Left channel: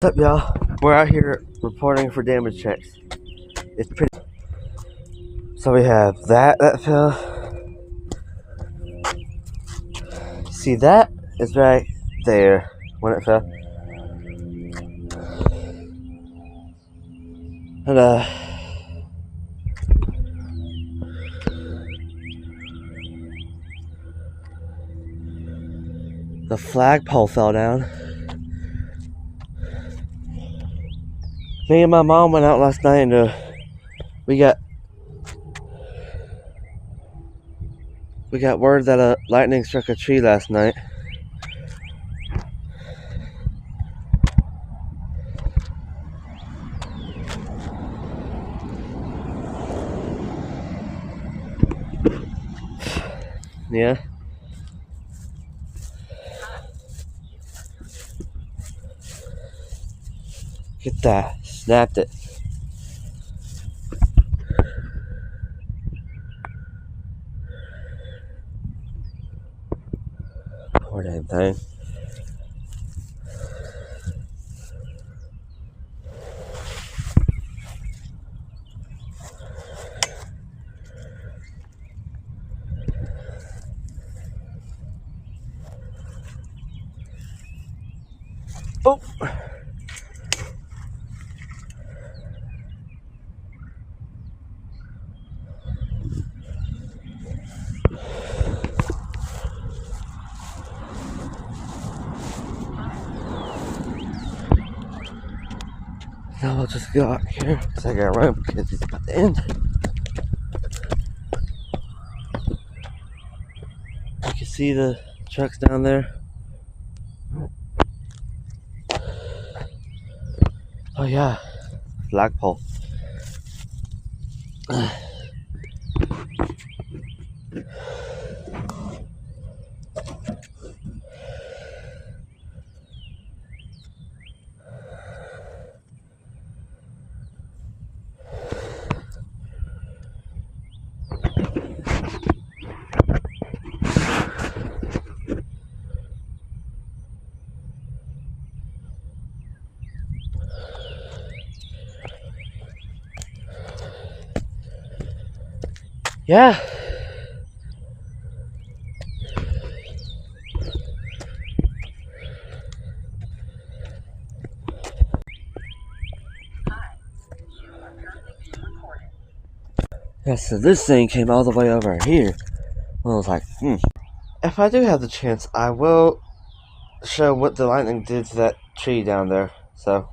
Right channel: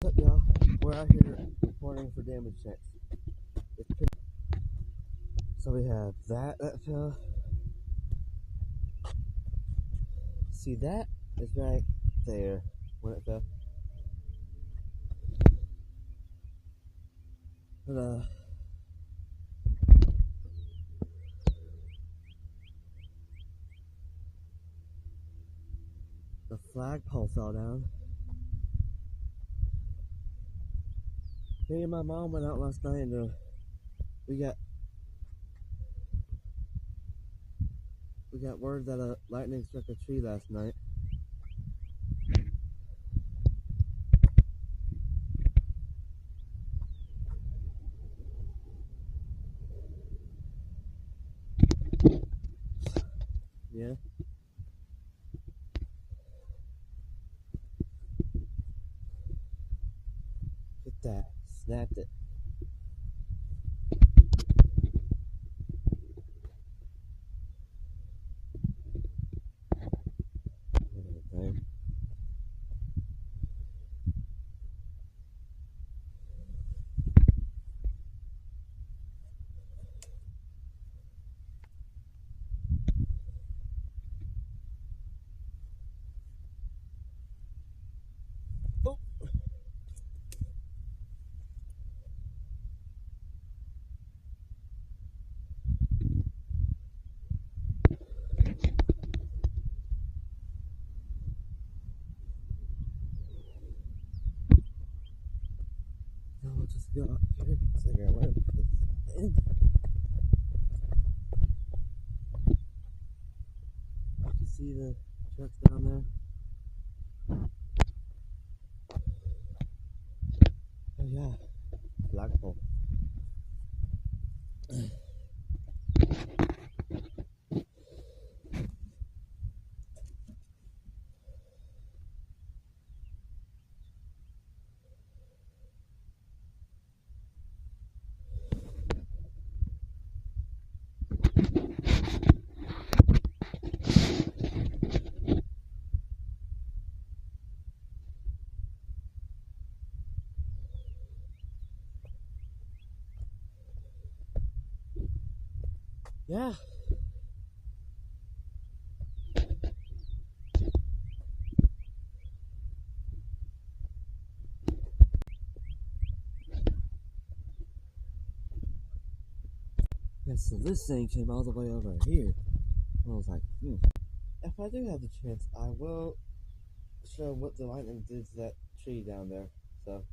What's up, y'all? We're out here reporting for damage checks. It's pretty. So we have that fell. See, that is right there when it fell. And the flagpole fell down. Me and my mom went out last night and we got word that a lightning struck a tree last night. Yeah. Get that. Snapped it. Poor damn thing. Oh. Now we'll just go out here because I gotta run because it's about to end. You can see the trucks down there. Oh yeah, flagpole. Yeah. Yeah, so this thing came all the way over here. Well, I was like, If I do have the chance, I will show what the lightning did to that tree down there. So.